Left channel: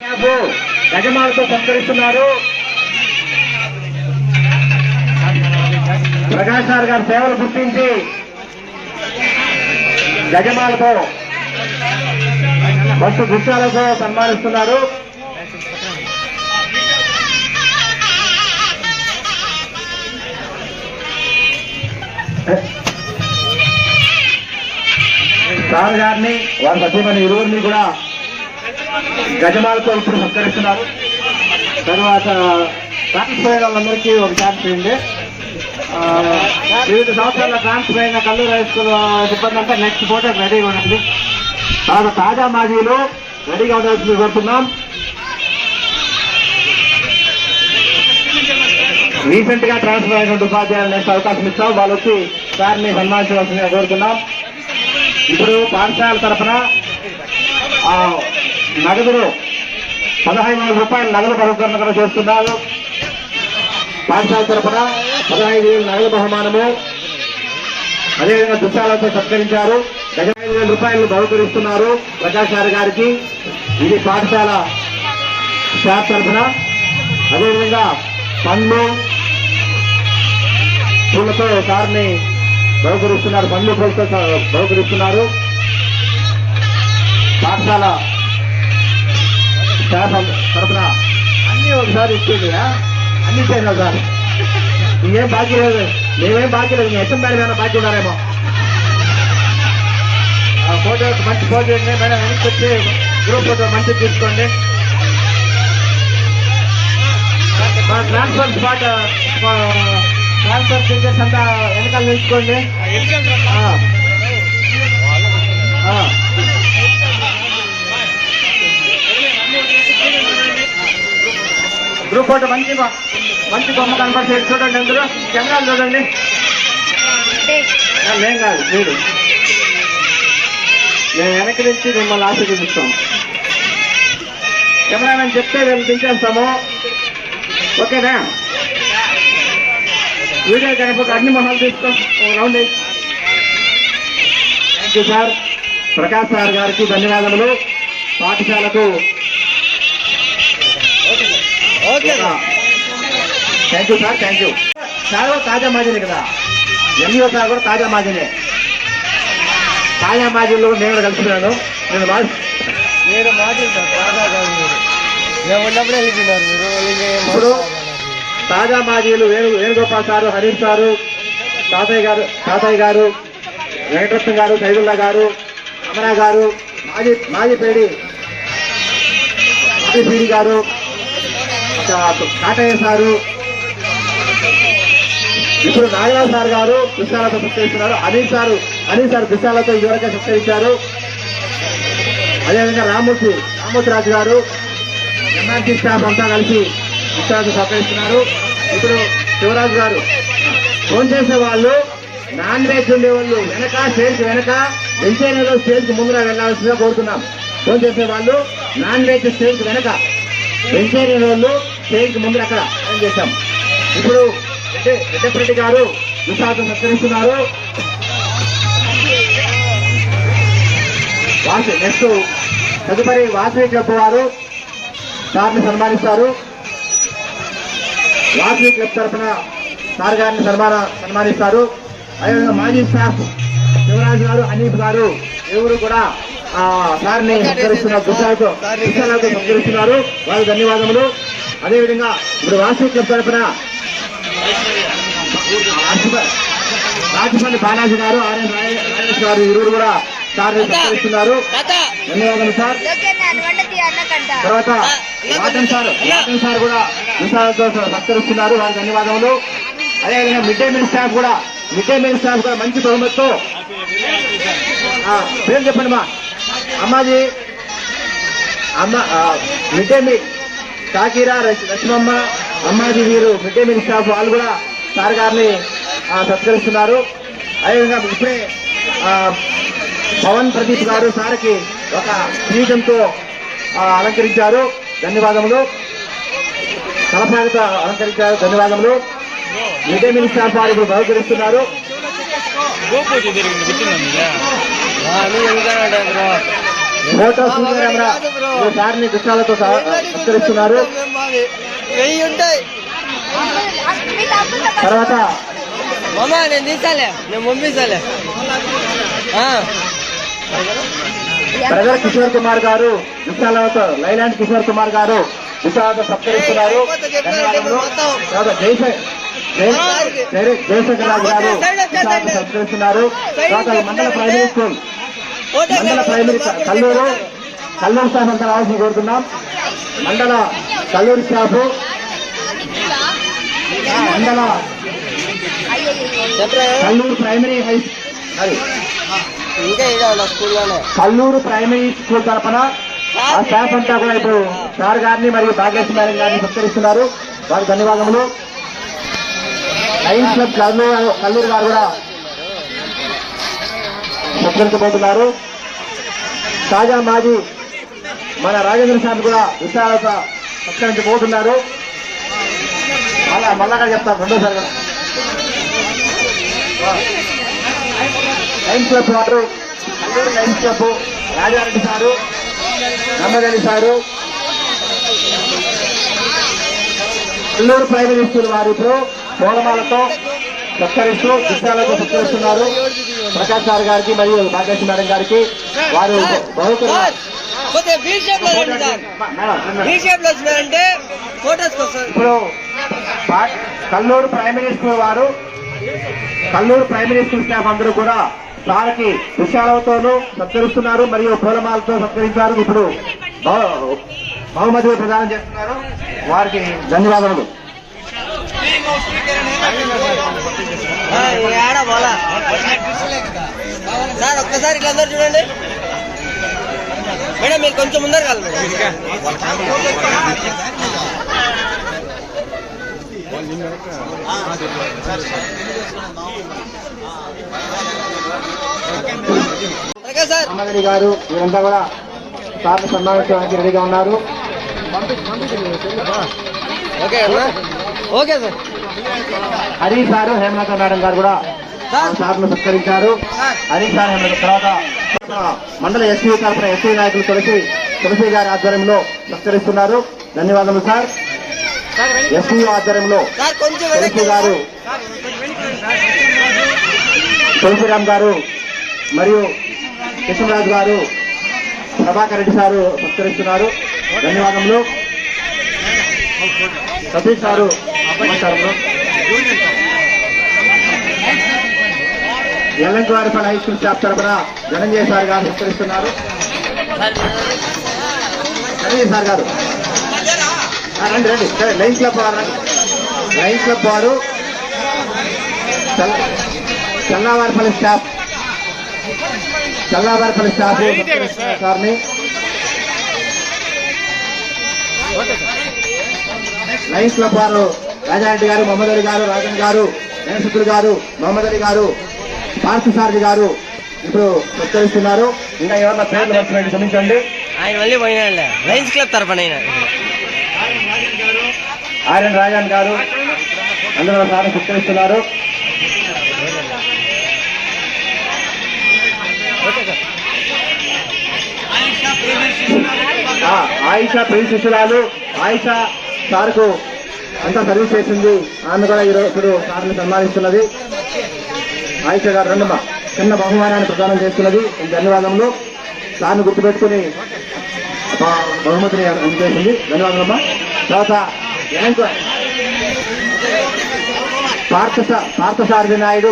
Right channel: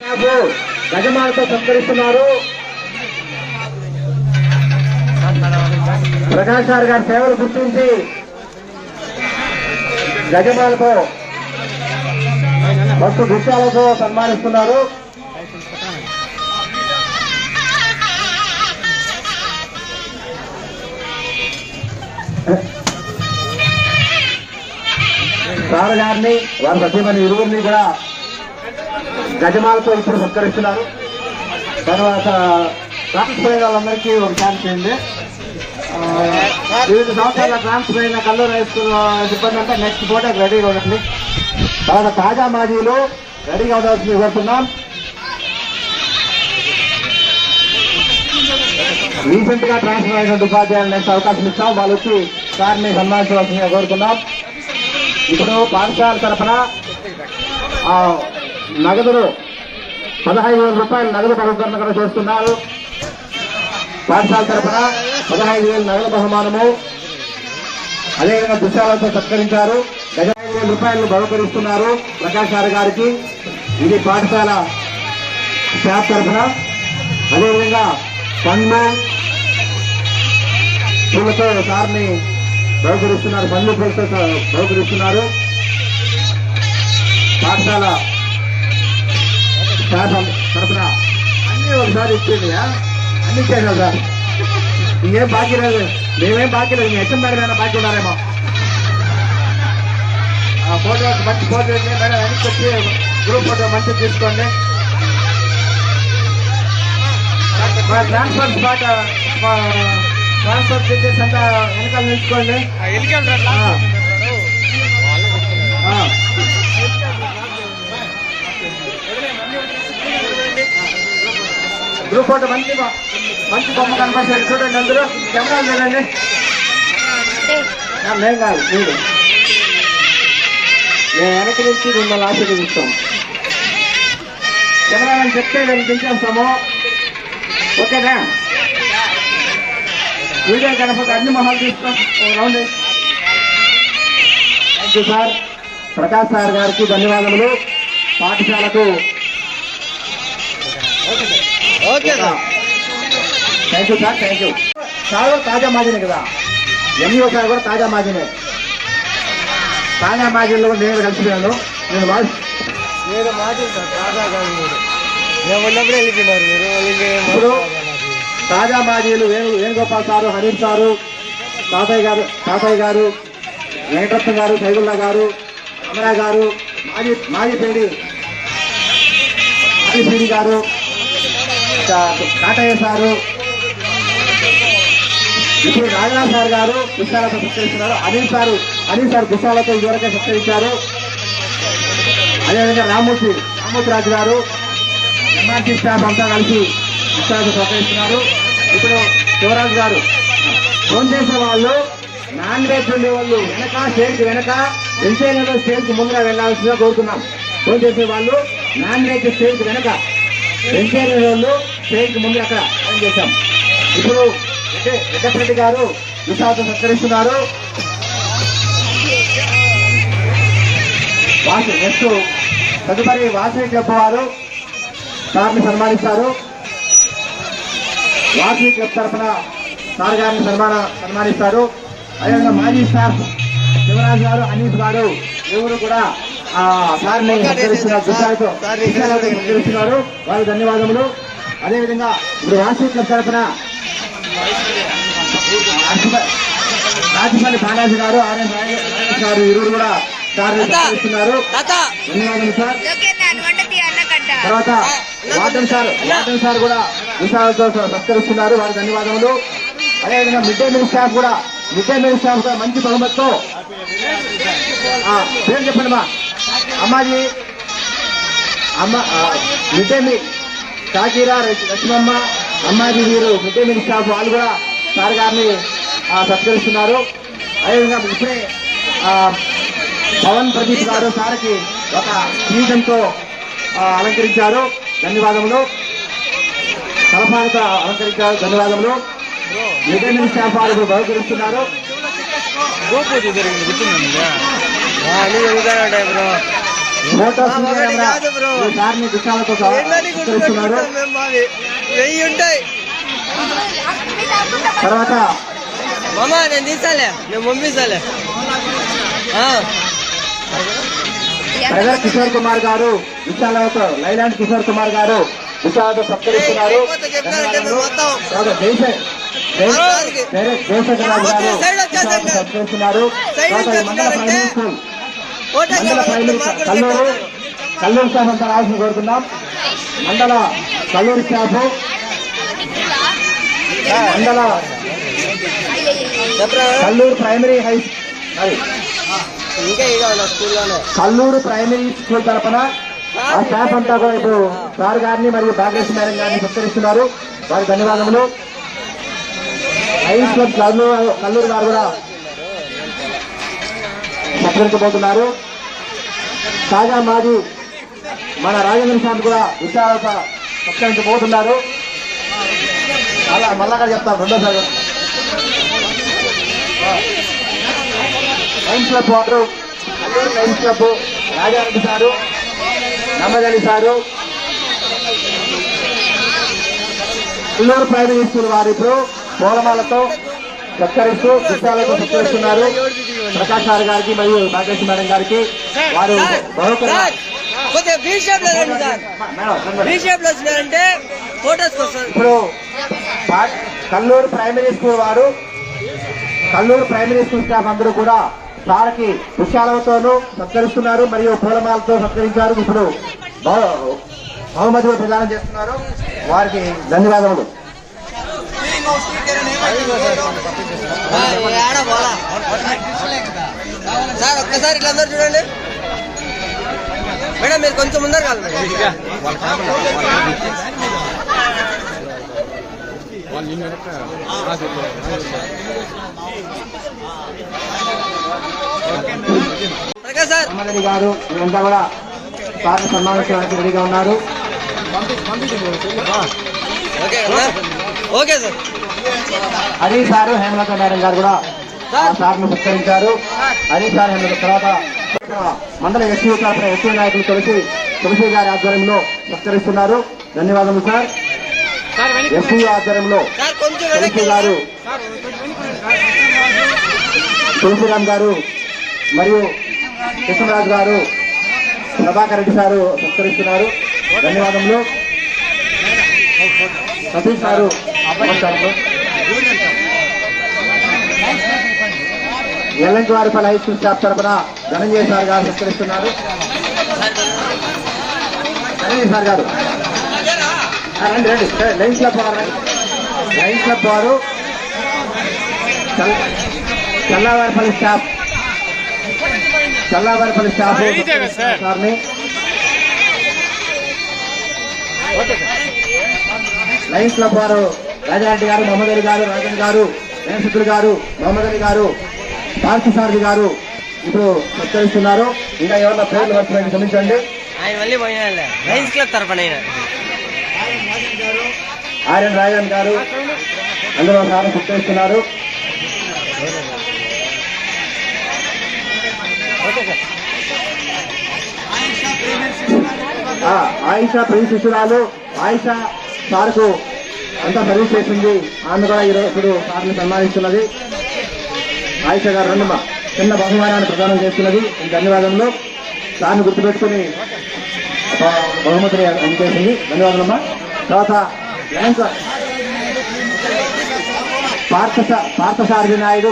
యజమానులతో సత్కరిస్తున్నారు. Prakash sir గారి సేవలు గుర్తించి యజమానులతో మస్తు గుర్తాలతో సన్మానిస్తున్నారు. సార్ గారిని వారి సత్యమైన ఇరువురిని కూడా గజమాలతో ఇప్పుడు సత్కరిస్తున్నారు. తర్వాత ట్రాన్స్ఫర్ వాళ్ళందరికీ ఒక ఛాన్స్ ఉంది. వివిధ సంవత్సరాల ట్రాన్స్ఫర్ అయిన కల్లూరు హై స్కూల్ సిబ్బంది అంటే నెక్స్ట్ ఫోటో రెడీగా ఉన్నట్లు. తర్వాత తాజా మాజీలు రెడీగా ఉండాల్సింది కోరుతున్నాం. రీసెంట్ గా ట్రాన్స్ఫర్ అయినటువంటి ఉపాధ్యాయులు నెక్స్ట్ అవకాశం ఇస్తాం. వాళ్ళు వచ్చి సార్ని సన్మానించవలసిందిగా కోరుతున్నాం. ఇప్పుడు పాఠశాల తరఫున నగదులు 15,000 రూపాయలు నగదు బహుకరణ చేస్తున్నారు. పాఠశాల తరఫున 15,000 నగదు బహుమానము, అదేవిధంగా దుశ్శాలతో సత్కరించారు. 15,000 రూపాయలు బహుకరిస్తున్నారు ప్రకాష్ సార్ గారికి. ఇది పాఠశాల స్టాఫ్ తరఫున. అదేవిధంగా పండ్లు పూలతో సార్ని బహుకరిస్తున్నారు. పండ్లు పూలతో బహుకరిస్తున్నారు. పాఠశాల స్టాఫ్ తరఫున అన్ని ఒకసారి ఇచ్చేది అన్ని ఇచ్చేది సార్. ఇంకేం బాకీ లేదు, మేమేం బాకీ లేదు. మీ హెచ్ఎం మేడం ఏమైనా బాకీ ఉన్నారేమో. ఫోటో మంచి ఫోటో మేడం అని చెప్పి గ్రూప్ ఫోటో మంచి తీసుకోండి. ట్రాన్స్ఫర్ స్పాట్ ట్రాన్స్ఫర్ టీచర్స్ అంతా వెనకాల తీసుకోండి. గ్రూప్ ఫోటో మంచి బొమ్మ కనపడి చూడండి. అందరూ కెమెరాలు చూడండి. మేం కాదు మీరు, మేము వెనక్కి నుంచి మిమ్మల్ని ఆశీర్వదిస్తాం. కెమెరామెన్ చెప్తే మేము దించేస్తాము. ఓకేనా? వీడియో కనపడి అన్ని మొహాలు తీసుకోండి. Thank you sir. Prakash sir గారికి ధన్యవాదములు. పాఠశాలకు thank you sir. Thank you sir. తాజా మాజీనే కదా, ఎంఈఓ సార్ కూడా తాజా మాజీనే. తాజా మాజీల్లో నేను కూడా కలిసిపోయాను. మీరు మాజీ సార్, తాజా కాదు. మీరు ఉన్నప్పుడు వెళ్తున్నారు. ఇప్పుడు తాజా మాజీలు వేణుగోపాల్ సారు, హరీష్ సారు, తాతయ్య గారు, వెంకటరత్న గారు, సైదుల్లా గారు, అమరా గారు, మాజీ పేడి గారు, కాటయ్య సారు, ఇప్పుడు నాగరాజు సార్ గారు దుశ్శాలతో సత్కరిస్తున్నారు. అనిల్ సార్ దుశ్శాలతో ఇదివరకే సత్కరించారు. అదేవిధంగా రామూర్తి రాజు గారు, ఎంఆర్టీ స్టాఫ్ అంతా కలిసి దుశ్శాలతో సత్కరిస్తున్నారు. ఇప్పుడు శివరాజు గారు. ఫోన్ చేసే వాళ్ళు నాన్ వెజ్ ఉండే వాళ్ళు వెనక స్టేజ్ వెనక వెంచైనాలో స్టేజ్ ముందర వెళ్లాల్సిందిగా కోరుతున్నాం. ఫోన్ చేసే వాళ్ళు నాన్ వెజ్ స్టేజ్ వెనక, వెంచైనా వాళ్ళు స్టేజ్ ముందర అక్కడ ఫోన్ చేశాం. ఇప్పుడు రెడ్డపరెడ్డి గారు దుశ్శాలతో సత్కరిస్తున్నారు. నెక్స్ట్ తదుపరి వాసవి క్లబ్ వారు సార్ని సన్మానిస్తారు. వాసవి క్లబ్ తరఫున సార్ గారిని సన్మానిస్తారు. అదేవిధంగా మాజీ స్టాఫ్ శివరాజు గారు, అనీఫ్ గారు ఎవరు కూడా సార్ని సత్కరిస్తున్నారు. వారికి ధన్యవాదములు. అదేవిధంగా ఇప్పుడు వాసవి క్లబ్ తరఫున రాజపల్లి బాలాజీ గారు, ఆర్ఎస్ రాజేష్ గారు ఇరువురు కూడా సార్ని సత్కరిస్తున్నారు. ధన్యవాదాలు సార్. తర్వాత వాటన్ సార్ కూడా విషయాలతో సత్కరిస్తున్నారు. వారికి ధన్యవాదములు. అదేవిధంగా మిడ్ డే మీల్ స్టాఫ్ కూడా మంచి బహుమతితో పేరు చెప్పండి మా Ammaji mid day meal Shakira, Lakshmamma, Ammaji వీరు మిడ్ డే మీల్ స్టాఫ్ వాళ్ళు కూడా సార్ గారిని సత్కరిస్తున్నారు. అదేవిధంగా ఇప్పుడే పవన్ ప్రదీప్ గారు సార్కి ఒక కిరీటంతో అలంకరించారు. ధన్యవాదములు. సలహాలతో అలంకరించారు. ధన్యవాదములు. మిడ్ డే మీల్ స్టాఫ్ వారు బహుకరిస్తున్నారు. ఫోటో ఒకటి కాదు బ్రో. సార్ని గుచ్చాలతో ఏంటని సత్కరిస్తున్నారు. గుర్తుపెట్టుకుంటాం మేము మాది 1000 ఉంటాయి. తర్వాత మామ నేను తీసాలే, నేను పంపిస్తాలే. బ్రదర్ కిషోర్ కుమార్ గారు విశాలతో లైలాండ్ కిషోర్ కుమార్ గారు విశాలతో సత్కరిస్తున్నారు. అయిపోతే చెప్పినారంటే మేము మొత్తం జయశేఖర్ రావు గారు విశాలతో సత్కరిస్తున్నారు. తర్వాత మండల ప్రైమరీ స్కూల్ మండల ప్రైమరీ కల్లూరు స్టాఫ్ అంతా రావాల్సిన కోరుతున్నాం. మండల కల్లూరు స్టాఫ్ మండల కల్లూరు ప్రైమరీ హై ఇంకా స్కూల్లోనే కల్లూరు ప్రైమరీ స్కూల్ తరఫున ఆ స్టాఫ్ అంతా కూడా ఇప్పుడు సార్ గారిని మరియు భాగ్యశ్రీ మేడం గారిని సత్కరిస్తున్నారు. వారికి ధన్యవాదములు. లయన్స్ క్లబ్ కల్లూరు వారు కూడా సత్కరించబోతున్నారు. తాజా మాజీ మన రాజేంద్ర స్వామి కూడా విశాలత సత్కరించబోతున్నారు. మళ్ళా చెప్తాను రెండోసారి. లయన్స్ క్లబ్ వారు Kalluru lions club Raja Reddy sir, నమ్మగలి సారు, కల్లూరు ప్రైమరీ స్కూల్ వారు ఇప్పుడు పూలమాలతో సత్కరిస్తూ విశాలతో సత్కరిస్తున్నారు. ప్రకాష్ సార్ గారికి మరియు భాగ్యశ్రీ మేడం గారికి వారు ఇప్పుడు కల్లూరు ప్రైమరీ స్కూల్ వారు కల్లూరు ప్రైమరీ స్కూల్ స్టాఫ్ అందరూ కూడా సార్కి విశాలతోనూ సత్కరిస్తున్నారు మరియు పూలమాలతో సత్కరించారు. ఇప్పుడు బహుమతులు ప్రదానం చేస్తున్నారు. వారికి ధన్యవాదములు. సార్ ఒక్కసారి ఇట్లా అందరు చూడండి మేడం, మీరు కొంచెం ముందర కాదు మేడం. సార్ రామారెడ్డి గారు వీరంతా కూడా సార్ని సన్మానించడానికి రెడీగా ఉన్నారు. ఓకే అన్నా, okay sir. Hari sir Hemalatha madam గారు కూడా సార్ను సత్కరించారు. హరి సార్ హేమలత తర్వాత మండల ఎస్సీ తరఫున ఎస్సీ నాయకులు తులసి గారి ఆధ్వర్యంలో సత్కరిస్తున్నారు. ధన్యవాదాలు సార్. ఎస్సీ ఆధ్వర్యంలో తులసి గారు, తులసిరామ్ గారు మరియు కృష్ణరాజు గారు, ప్రభాకర్ రెడ్డి సారు సత్కరిస్తున్నారు. ధన్యవాదములు. సతీష్ గారు ఎల్లంటివారిపల్లి హై స్కూల్ స్టాఫ్ తరఫున ధనంజయ సార్ గారు సత్కరిస్తున్నారు. ధనంజయ సార్ గారు రండి రండి. లయన్స్ క్లబ్ వారు చల్లావారిపల్లి స్టాఫ్ సార్ని లయన్స్ క్లబ్ వారు రాజారెడ్డి గారు, మొహమ్మద్ అలీ గారు, రాజన్ గారు, నేనసిద్ధులు గారు, మొహమ్మద్ అలీ గారు, పార్థసారథి గారు ఇప్పుడు సత్కరిస్తున్నారు. ఇంకా ఎవరన్నా పేర్లు వస్తున్నాయి క్షమించండి. ఆయన మళ్ళీ పోయినా లయన్స్ క్లబ్ తరఫున ఆర్ఎన్ రాజన్ గారు అందరూ సార్ సత్కరిస్తున్నారు. ఆయిషా ప్రిన్స్ శిశురాలు ఆయిషా సార్కు ఎంత సర్వీస్ చేసింది, ఆమె కూడా ఇప్పుడు సార్ని సన్మానిస్తున్నది. ఆయిషా గారు రెండమ్మ చిన్న బహుమానాన్ని ప్రదానం చేస్తున్నది. ధన్యవాదములు. సార్ని గుర్తుపెట్టుకుని బహుమతిని అందజేసింది. ధన్యవాదమ్మా. తర్వాత పార్థసారథి నాయుడు